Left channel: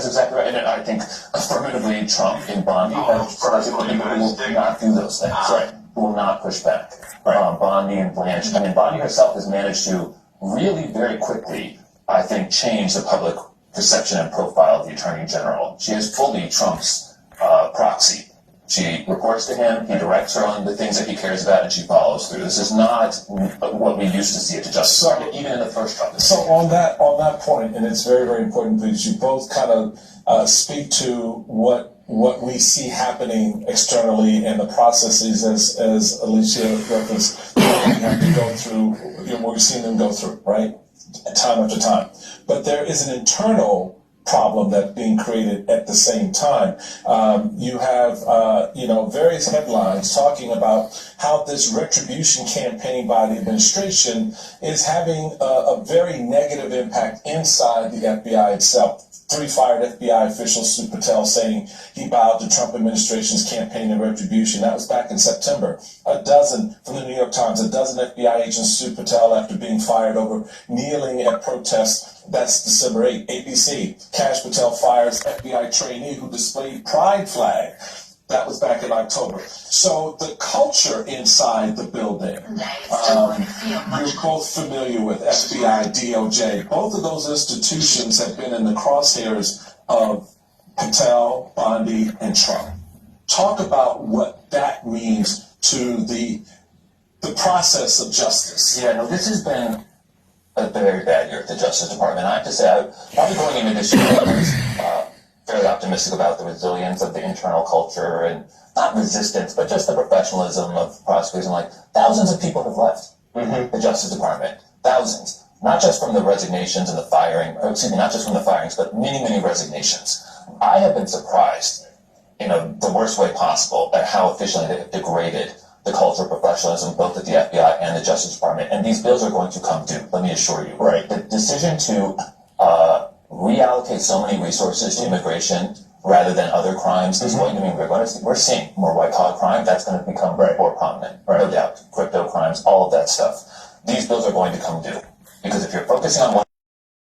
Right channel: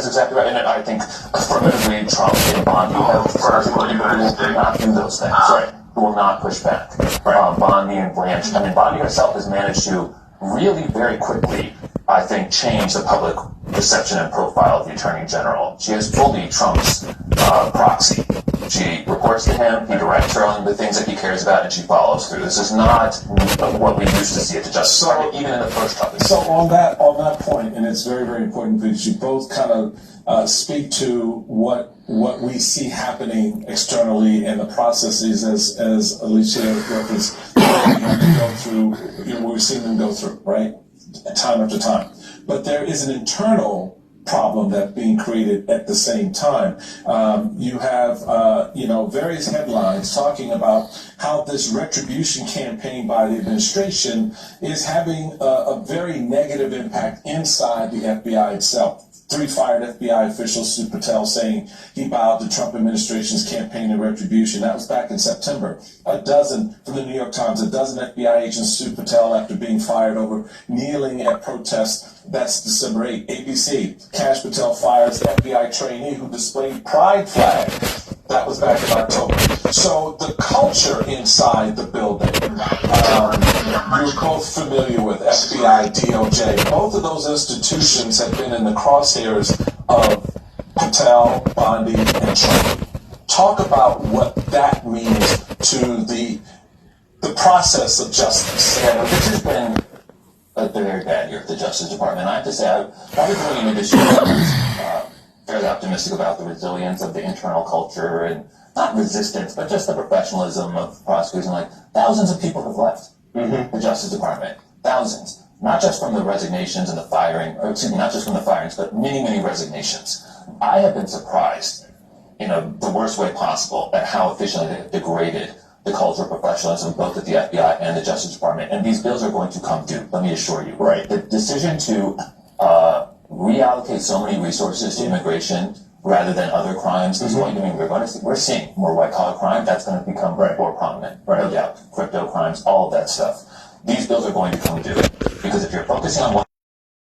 is exactly right. And I think affirmatively Trump and Bondi have will not do those things. Right. Who will not push back. Right. Bondi and Blanche. I mean, Bondi herself has managed to really very quickly, I think, change the public perception and profile of the Attorney General. She is fully Trump's proxy. She reports to him, he directs her on the things that he cares about, and she follows through. This is not what we used to see at the Justice Department, even in the first Trump. So on that point, and it's very, very important because you both kind of speak to what we see happening externally and the processes, as Alicia referenced, what we have to go through, what we've seen them go through, right, time after time. But there is an internal problem that's being created at the same time. You have, various headlines talking about how this retribution campaign by the administration is having a very negative impact inside the FBI itself. 3 fired FBI officials sued Patel, saying he bowed the Trump administration's campaign of retribution. That was back in September. A dozen, from the New York Times, a dozen FBI agents sued Patel after being fired over kneeling at protests. That's December 8. ABC, Kash Patel fires FBI trainee who displayed pride flag. That was back in October. So the culture inside the building, you're both familiar with FBI, DOJ. Both of those institutions have been in the crosshairs of Patel, Bondi, and Trump. Talk about what that means to the process of justice. Yeah, this has been a very bad year at the Justice Department. I have to say, probably going into this year, I was fairly optimistic about the resilience of the internal culture and not resistance, but just the professionalism of prosecutors. And like thousands of people have left the Justice Department. Thousands. Not just from the resignations and the firing, or excuse me, not just from the firings, but many, many resignations. I have been surprised, the worst way possible at how efficiently they have degraded the culture of professionalism, both at the FBI and the Justice Department. And these bills are going to come due, let me assure you. Right. The decision to reallocate so many resources to immigration rather than other crimes is going to mean we're seeing more white-collar crime. That's going to become more prominent, no doubt. Crypto crimes, all of that stuff. These bills are going to come due because if you're focusing on